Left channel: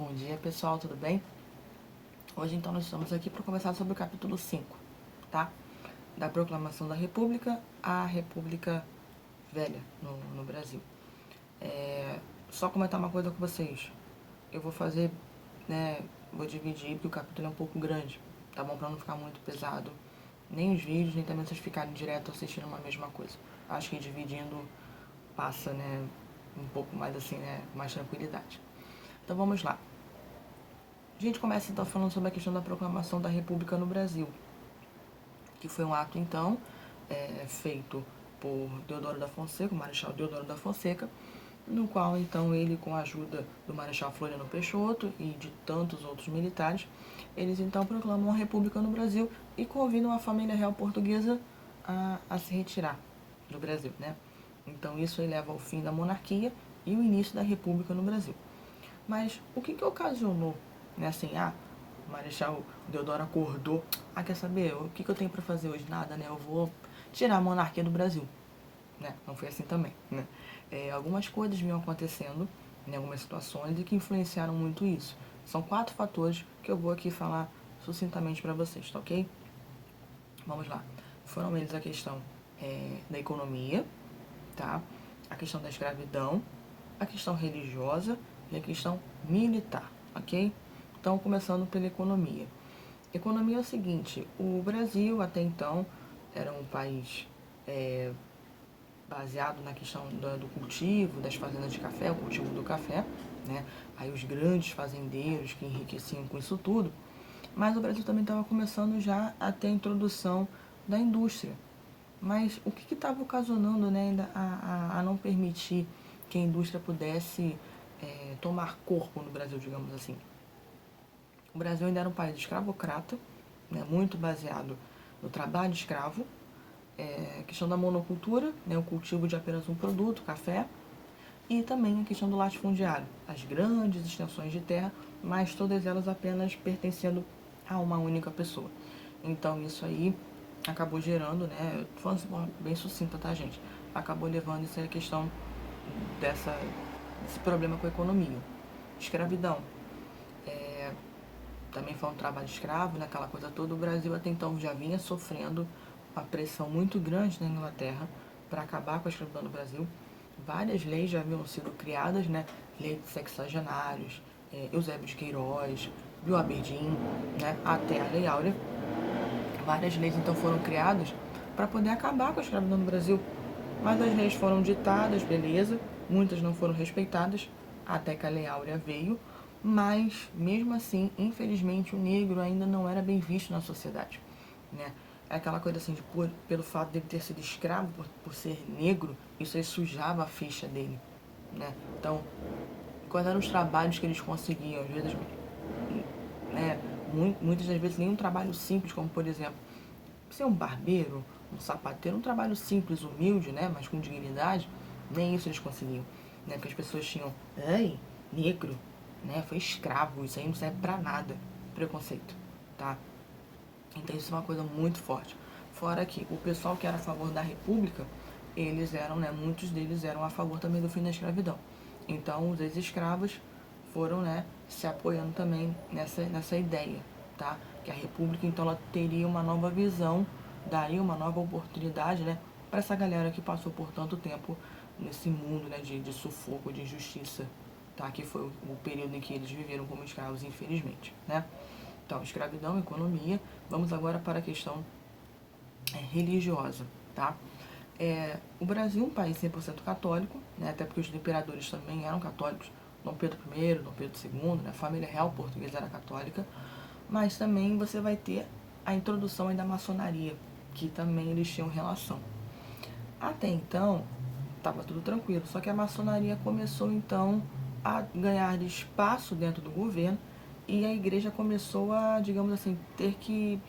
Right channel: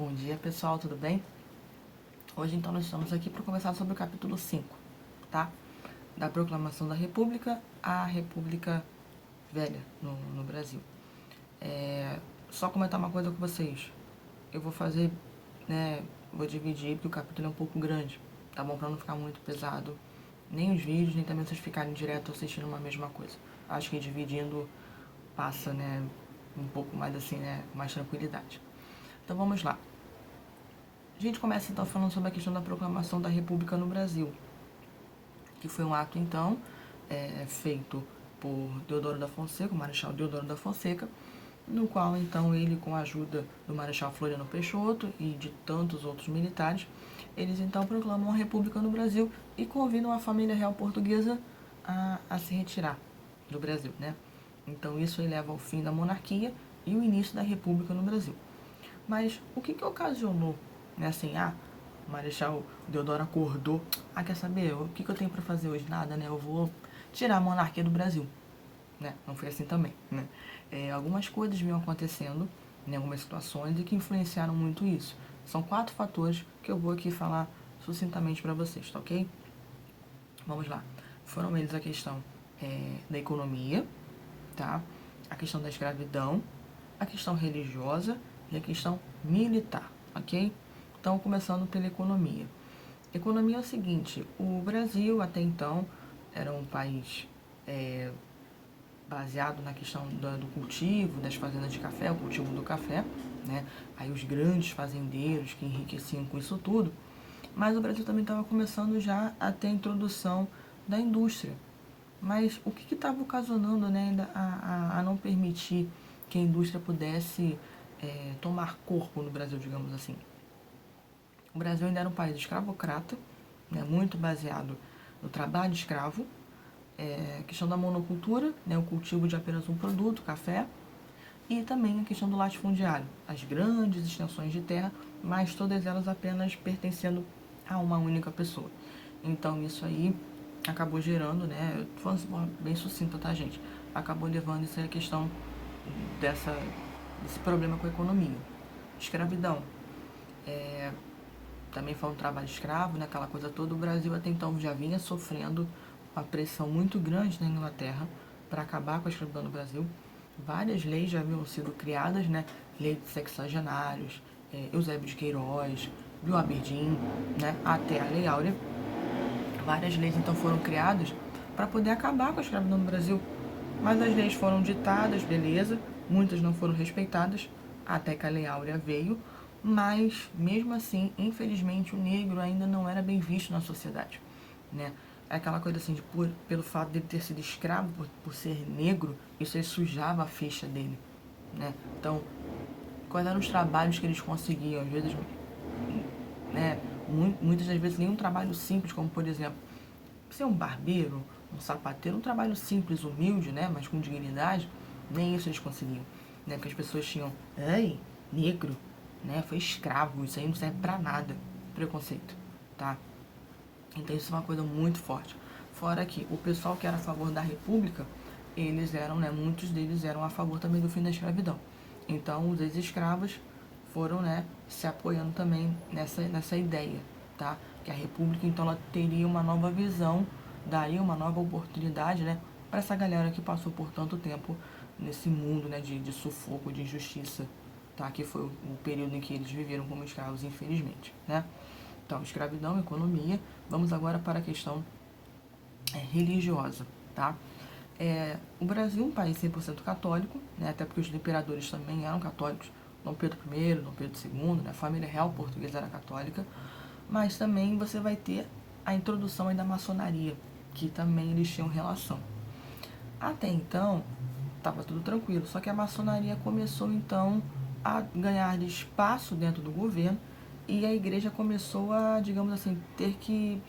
Bom dia, pessoal, tudo bem? Hoje, então, nós estamos aqui para conversar sobre o capítulo 5, tá? Da Proclamação da República à República Velha no Brasil. Só comentar uma coisa com vocês. Eu vou fazer, vou dividir, porque o capítulo é um pouco grande, tá bom? Para não ficar muito pesado, nem os vídeos, nem também vocês ficarem direto assistindo uma mesma coisa. Acho que dividindo passa, um pouco mais assim, mais tranquilidade. Então, vamos lá. A gente começa então falando sobre a questão da proclamação da República no Brasil, que foi um ato então feito por Deodoro da Fonseca, o Marechal Deodoro da Fonseca, no qual então ele, com a ajuda do Marechal Floriano Peixoto e de tantos outros militares, eles então proclamam a República no Brasil e convidam a família real portuguesa a se retirar do Brasil, né? Então isso aí leva ao fim da monarquia e o início da República no Brasil. Mas o que ocasionou, o Marechal Deodoro acordou, quer saber, o que eu tenho para fazer hoje? Nada, né? Eu vou tirar a monarquia do Brasil, né? Não foi assim também, né? Algumas coisas vinham acontecendo em algumas situações e que influenciaram muito isso. São 4 fatores que eu vou aqui falar sucintamente para vocês, tá ok? Vamos lá. Foram eles a questão da economia, tá? A questão da escravidão, a questão religiosa e a questão militar, ok? Então, começando pela economia. Economia é o seguinte, o Brasil até então era um país baseado na questão do cultivo, das fazendas de café, o cultivo do café, né? Aí os grandes fazendeiros que enriqueciam com isso tudo. Mas o Brasil também estava começando já a ter a introdução da indústria. Mas o que estava ocasionando, a não permitir que a indústria pudesse tomar corpo no Brasil, digamos assim? O Brasil ainda era um país escravocrata, né, muito baseado no trabalho escravo, questão da monocultura, né, o cultivo de apenas um produto, café, e também a questão do latifundiário, as grandes extensões de terra, mas todas elas apenas pertencendo a uma única pessoa. Então isso aí acabou gerando, falando bem sucinta, tá, gente? Acabou levando essa questão desse problema com a economia. Escravidão. Também foi um trabalho escravo, aquela coisa toda. O Brasil até então já vinha sofrendo uma pressão muito grande na Inglaterra para acabar com a escravidão no Brasil. Várias leis já haviam sido criadas, né? Lei de sexagenários, Eusébio de Queiroz, Bill Aberdeen, né? Até a Lei Áurea. Várias leis então foram criadas para poder acabar com a escravidão no Brasil. Mas as leis foram ditadas, beleza, muitas não foram respeitadas, até que a Lei Áurea veio, mas mesmo assim, infelizmente, o negro ainda não era bem visto na sociedade, né? É aquela coisa assim, pelo fato de ele ter sido escravo, por ser negro, isso aí sujava a ficha dele, né? Então, quais eram os trabalhos que eles conseguiam? Às vezes, muitas das vezes, nenhum trabalho simples, como por exemplo, ser um barbeiro, um sapateiro, um trabalho simples, humilde, né? Mas com dignidade, nem isso eles conseguiam, né? Porque as pessoas tinham, negro, né? Foi escravo, isso aí não serve pra nada. Preconceito, tá? Então isso é uma coisa muito forte. Fora que o pessoal que era a favor da República, eles eram, muitos deles eram a favor também do fim da escravidão. Então os ex-escravos foram, se apoiando também nessa ideia, tá? Que a República, então, ela teria uma nova visão, daria uma nova oportunidade, para essa galera que passou por tanto tempo nesse mundo, de sufoco, de injustiça, tá? Que foi o período em que eles viveram como escravos, infelizmente, né? Então, escravidão, economia. Vamos agora para a questão religiosa, tá? O Brasil é um país 100% católico, até porque os imperadores também eram católicos. Dom Pedro I, Dom Pedro II, a família real portuguesa era católica. Mas também você vai ter a introdução aí da maçonaria, que também eles tinham relação. Até então, estava tudo tranquilo, só que a maçonaria começou então a ganhar espaço dentro do governo e a igreja começou a, digamos assim, ter que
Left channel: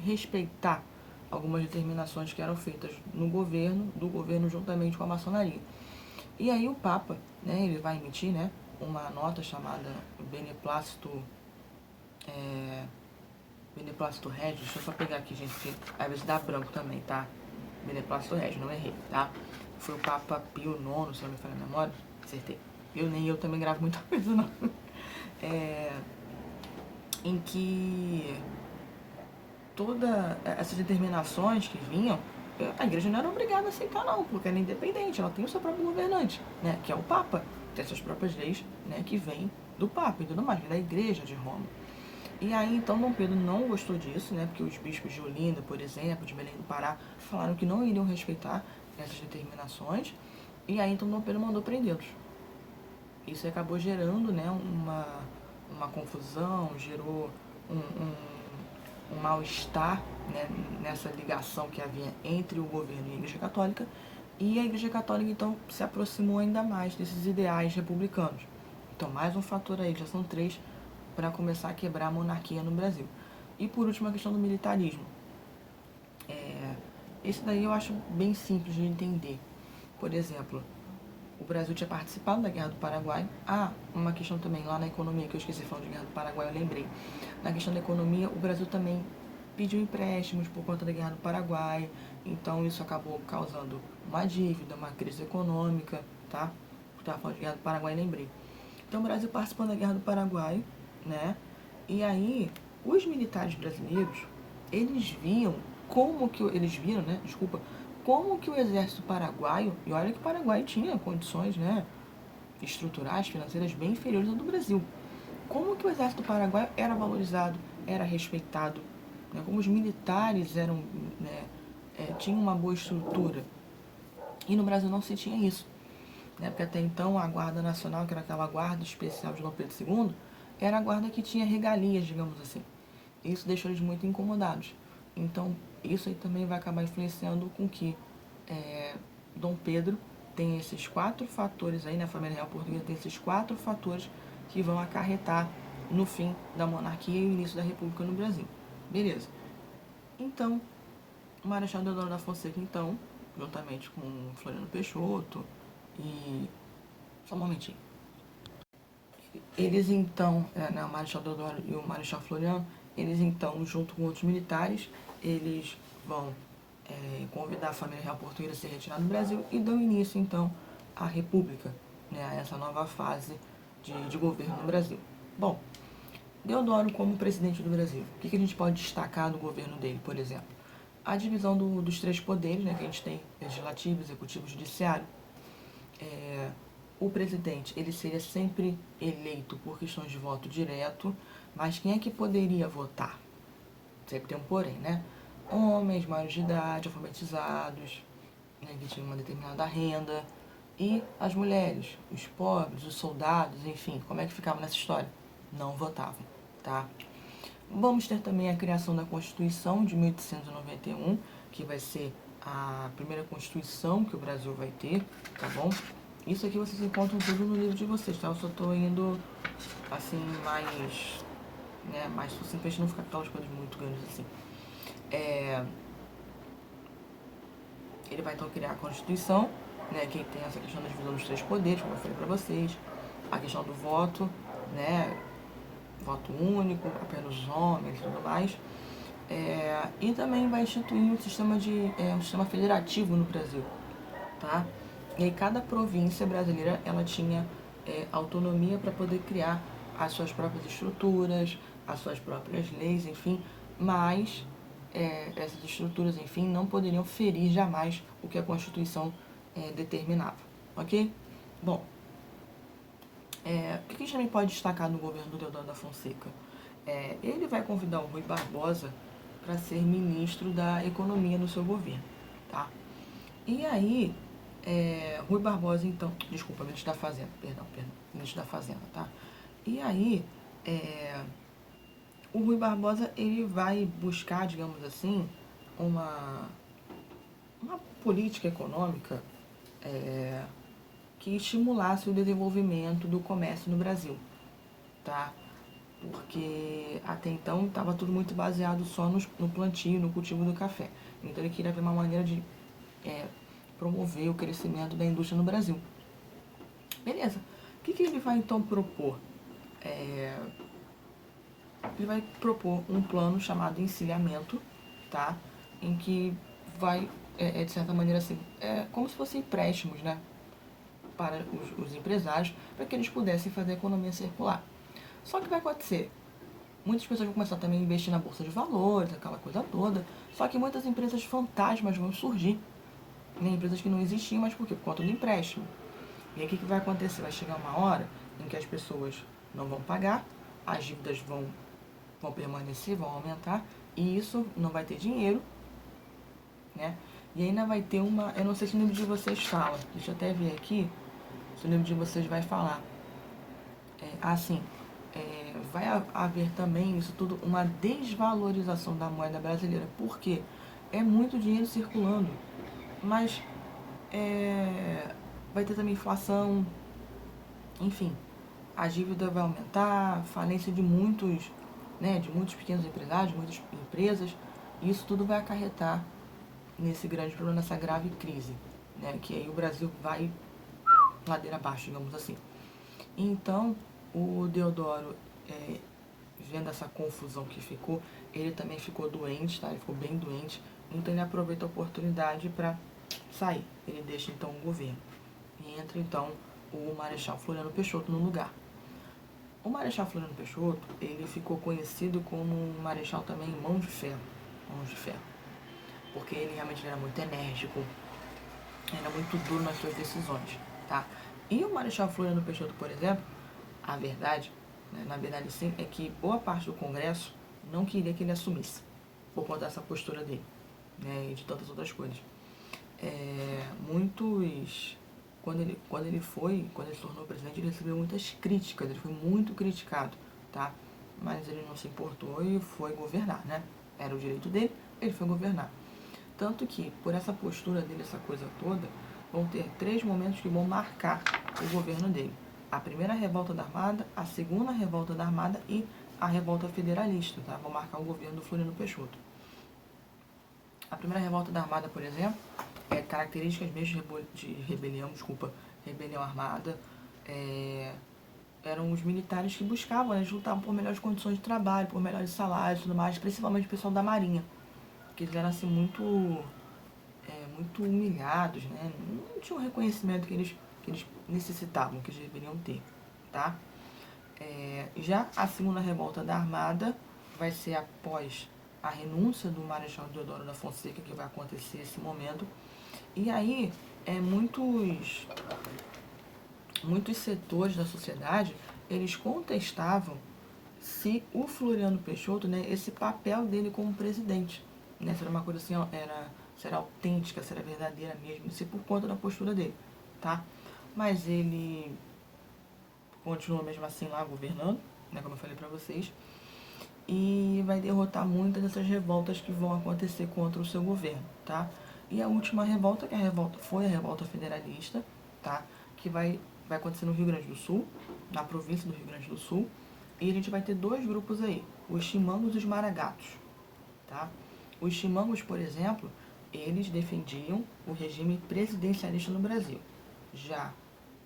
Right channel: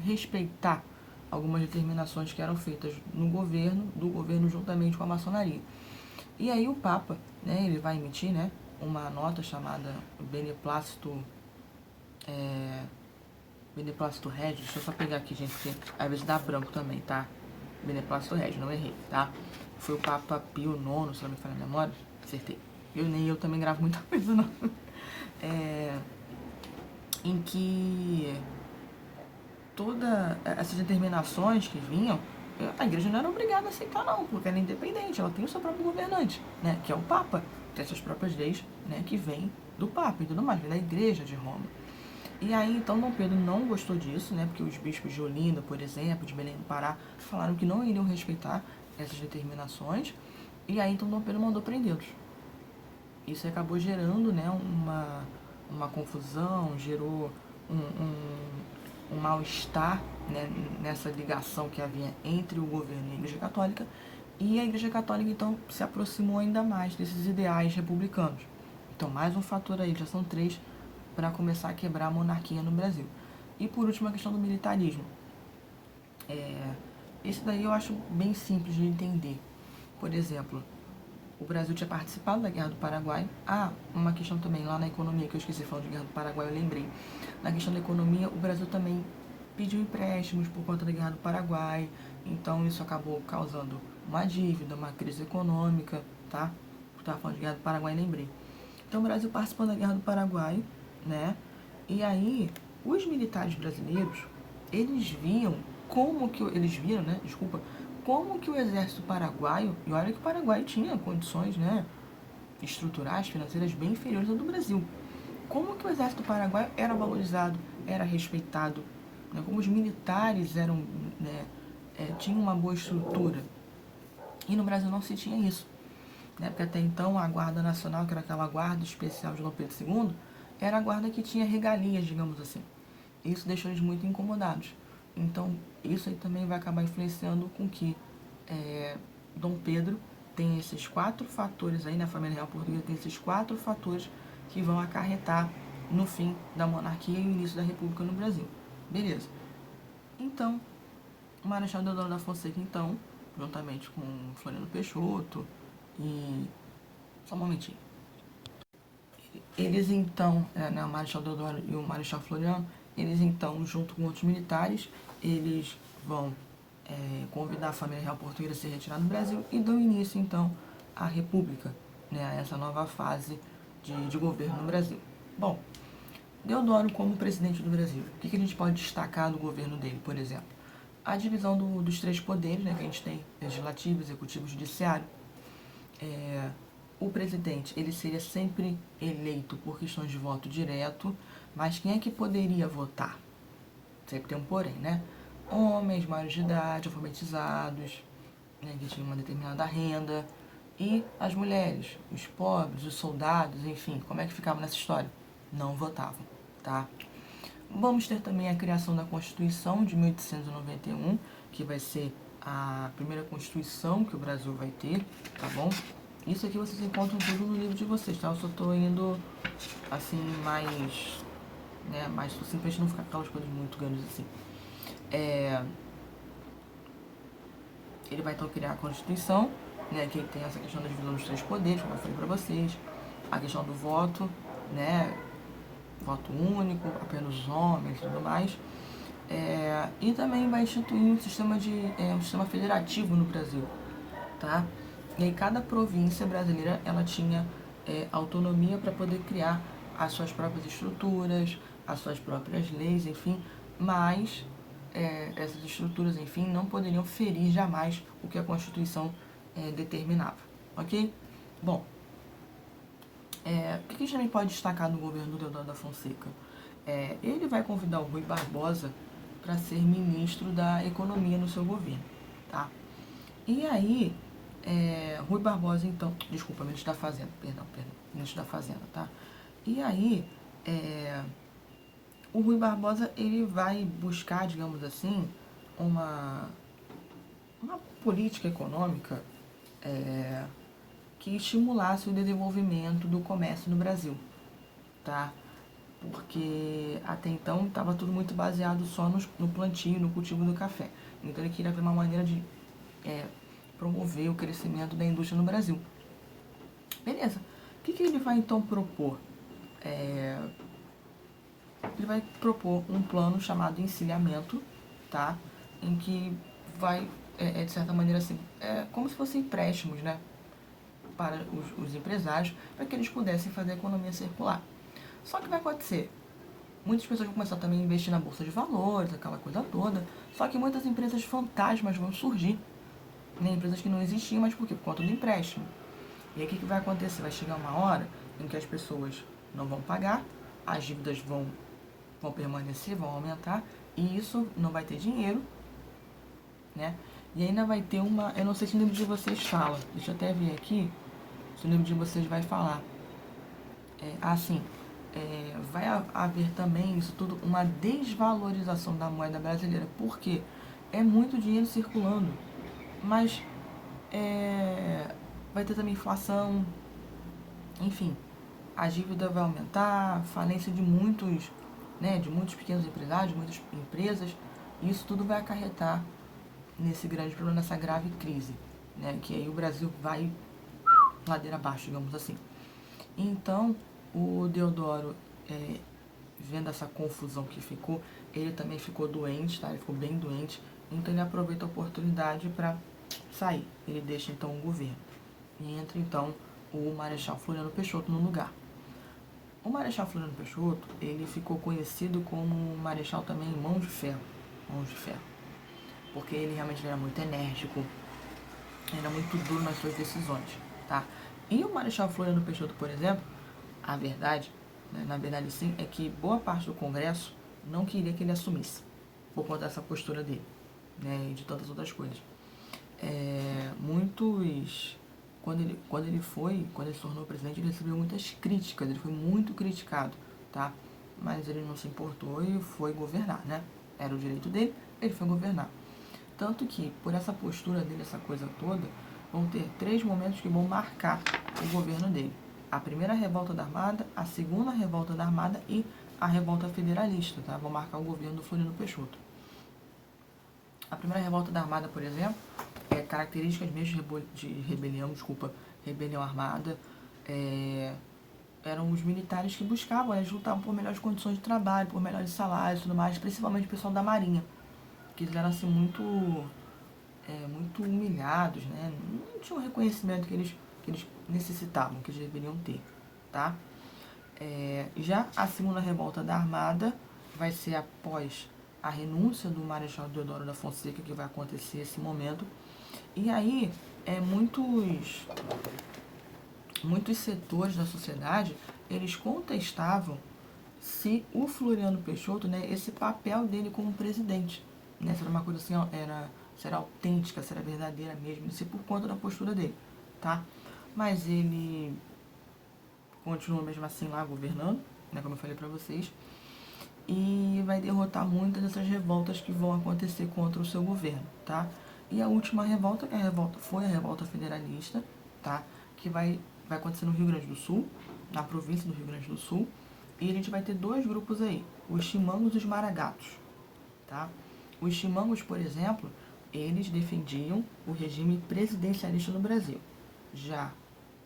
respeitar algumas determinações que eram feitas no governo, do governo juntamente com a maçonaria. E aí o Papa, ele vai emitir, uma nota chamada Beneplácito Regis, deixa eu só pegar aqui, gente, porque às vezes dá branco também, tá? Beneplácito Regis, não errei, tá? Foi o Papa Pio IX, se eu não me falha a memória, acertei. Nem eu também gravo muita coisa, não. todas essas determinações que vinham, a igreja não era obrigada a aceitar não, porque ela é independente, ela tem o seu próprio governante, né, que é o Papa, tem suas próprias leis, né, que vem do Papa e tudo mais, da igreja de Roma. E aí, então, Dom Pedro não gostou disso, né, porque os bispos de Olinda, por exemplo, de Belém do Pará, falaram que não iriam respeitar essas determinações, e aí, então, Dom Pedro mandou prendê-los. Isso acabou gerando, né, uma confusão, gerou um mal-estar, né, nessa ligação que havia entre o governo e a Igreja Católica, e a Igreja Católica, então, se aproximou ainda mais desses ideais republicanos. Então, mais um fator aí, já são 3, para começar a quebrar a monarquia no Brasil. E, por último, a questão do militarismo. Esse daí eu acho bem simples de entender. Por exemplo, o Brasil tinha participado da Guerra do Paraguai. Uma questão também lá na economia, que eu esqueci de falar de Guerra do Paraguai, eu lembrei. Na questão da economia, o Brasil também pediu empréstimos por conta da Guerra do Paraguai. Então isso acabou causando uma dívida, uma crise econômica, tá? Eu estava falando de Guerra do Paraguai, lembrei. Então o Brasil participou da Guerra do Paraguai, né? E aí, os militares brasileiros, eles viam eles viram, né? Desculpa, como que o exército paraguaio, e olha que o Paraguai tinha condições, né, estruturais, financeiras bem inferiores ao do Brasil. Como que o exército paraguaio era valorizado, era respeitado, né, como os militares eram, né, tinham uma boa estrutura. E no Brasil não se tinha isso, né, porque até então a Guarda Nacional, que era aquela guarda especial de Dom Pedro II, era a guarda que tinha regalias, digamos assim. Isso deixou eles muito incomodados. Então, isso aí também vai acabar influenciando com que Dom Pedro tem esses 4 fatores aí, né? A família real portuguesa tem esses 4 fatores que vão acarretar no fim da monarquia e o início da república no Brasil. Beleza. Então, o Marechal Deodoro da Fonseca, então, juntamente com Floriano Peixoto e... Só um momentinho. Eles então, né, o Marechal Deodoro e o Marechal Floriano, eles então, junto com outros militares, eles vão convidar a família real portuguesa a se retirar do Brasil e dão início então à República, né, a essa nova fase de governo no Brasil. Bom, Deodoro como presidente do Brasil, o que a gente pode destacar do governo dele, por exemplo? A divisão dos 3 poderes, né, que a gente tem, legislativo, executivo e judiciário. O presidente, ele seria sempre eleito por questões de voto direto, mas quem é que poderia votar? Sempre tem um porém, né? Homens maiores de idade, alfabetizados, né, que tinham uma determinada renda, e as mulheres, os pobres, os soldados, enfim, como é que ficava nessa história? Não votavam, tá? Vamos ter também a criação da Constituição de 1891, que vai ser a primeira Constituição que o Brasil vai ter, tá bom? Isso aqui vocês encontram tudo no livro de vocês, tá? Eu só tô indo, assim, mais sucintamente, não ficar aquelas coisas muito grandes assim. Ele vai então criar a Constituição, né, que tem essa questão da divisão dos 3 poderes, como eu falei para vocês, a questão do voto, né, voto único, apenas os homens e tudo mais, e também vai instituir um sistema federativo no Brasil, tá? E aí cada província brasileira ela tinha autonomia para poder criar as suas próprias estruturas, as suas próprias leis, enfim, mas essas estruturas, enfim, não poderiam ferir jamais o que a Constituição determinava, ok? Bom, o que a gente também pode destacar no governo do Deodoro da Fonseca? Ele vai convidar o Rui Barbosa para ser ministro da Economia no seu governo, tá? E aí, Rui Barbosa, então, desculpa, ministro da Fazenda, perdão, ministro da Fazenda, tá? E aí, o Rui Barbosa, ele vai buscar, digamos assim, uma política econômica que estimulasse o desenvolvimento do comércio no Brasil, tá? Porque até então estava tudo muito baseado só no plantio, no cultivo do café. Então ele queria ver uma maneira de promover o crescimento da indústria no Brasil. Beleza. O que ele vai então propor? Ele vai propor um plano chamado encilhamento, tá? Em que vai, de certa maneira, assim, como se fossem empréstimos, né? Para os empresários, para que eles pudessem fazer a economia circular. Só que vai acontecer. Muitas pessoas vão começar também a investir na bolsa de valores, aquela coisa toda. Só que muitas empresas fantasmas vão surgir. Né? Empresas que não existiam, mas por quê? Por conta do empréstimo. E aí o que vai acontecer? Vai chegar uma hora em que as pessoas não vão pagar, as dívidas vão permanecer, vão aumentar, e isso não vai ter dinheiro, né? E ainda vai ter uma... Eu não sei se o livro de vocês fala. Deixa eu até ver aqui se o livro de vocês vai falar. Vai haver também isso tudo, uma desvalorização da moeda brasileira. Por quê? É muito dinheiro circulando, mas vai ter também inflação, enfim, a dívida vai aumentar, falência de muitos, né, de muitos pequenos empresários, de muitas empresas, e isso tudo vai acarretar nesse grande problema, nessa grave crise, né, que aí o Brasil vai ladeira abaixo, digamos assim. Então, o Deodoro, vendo essa confusão que ficou, ele também ficou doente, tá? Ele ficou bem doente, então ele aproveita a oportunidade para sair. Ele deixa então o governo e entra então o Marechal Floriano Peixoto no lugar. O Marechal Floriano Peixoto, ele ficou conhecido como um marechal também mão de ferro, porque ele realmente era muito enérgico, era muito duro nas suas decisões, tá? E o Marechal Floriano Peixoto, por exemplo, a verdade, né, na verdade sim, é que boa parte do Congresso não queria que ele assumisse, por conta dessa postura dele, né, e de tantas outras coisas. Quando ele se tornou presidente, ele recebeu muitas críticas, ele foi muito criticado, tá? Mas ele não se importou e foi governar, né? Era o direito dele, ele foi governar. Tanto que, por essa postura dele, essa coisa toda, vão ter 3 momentos que vão marcar o governo dele. A primeira revolta da Armada, a segunda revolta da Armada e a revolta federalista, tá? Vão marcar o governo do Floriano Peixoto. A primeira revolta da Armada, por exemplo, características mesmo de rebelião armada, eram os militares que buscavam, eles lutavam por melhores condições de trabalho, por melhores salários e tudo mais, principalmente o pessoal da Marinha, que eles eram assim muito humilhados, né? Não tinham o reconhecimento que eles necessitavam, que eles deveriam ter, tá? Já a segunda revolta da Armada vai ser após a renúncia do Marechal Deodoro da Fonseca, que vai acontecer esse momento. E aí, muitos setores da sociedade, eles contestavam se o Floriano Peixoto, né, esse papel dele como presidente, né, se era uma coisa assim, se era autêntica, se era verdadeira mesmo, isso por conta da postura dele, tá? Mas ele continua mesmo assim lá governando, né, como eu falei pra vocês, e vai derrotar muitas dessas revoltas que vão acontecer contra o seu governo, tá? E a última revolta, foi a revolta federalista, tá? Que vai acontecer no Rio Grande do Sul, na província do Rio Grande do Sul, e a gente vai ter 2 grupos aí, os chimangos e os maragatos, tá? Os chimangos, por exemplo, eles defendiam o regime presidencialista no Brasil, já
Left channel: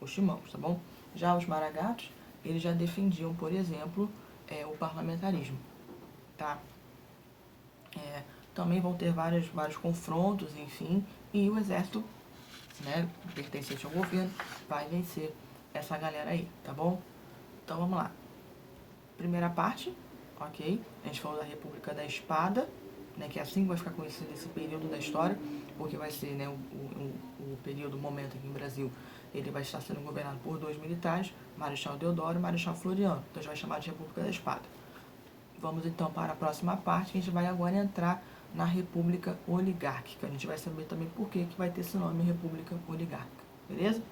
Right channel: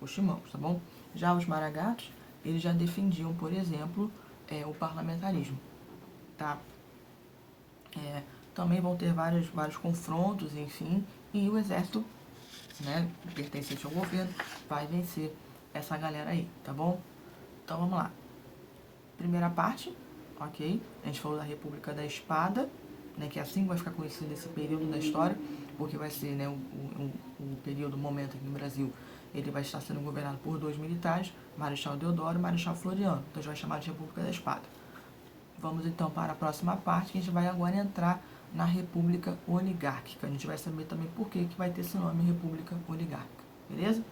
os chimangos, tá bom? Já os maragatos, eles já defendiam, por exemplo, o parlamentarismo, tá? Também vão ter vários confrontos, enfim, e o exército, né, pertencente ao governo, vai vencer essa galera aí, tá bom? Então vamos lá. Primeira parte, ok? A gente falou da República da Espada, né, que é assim que vai ficar conhecido esse período da história, porque vai ser, né, o período, o momento aqui no Brasil, ele vai estar sendo governado por 2 militares, Marechal Deodoro e Marechal Floriano. Então a gente vai chamar de República da Espada. Vamos então para a próxima parte, que a gente vai agora entrar na República Oligárquica. A gente vai saber também por que vai ter esse nome, República Oligárquica. Beleza?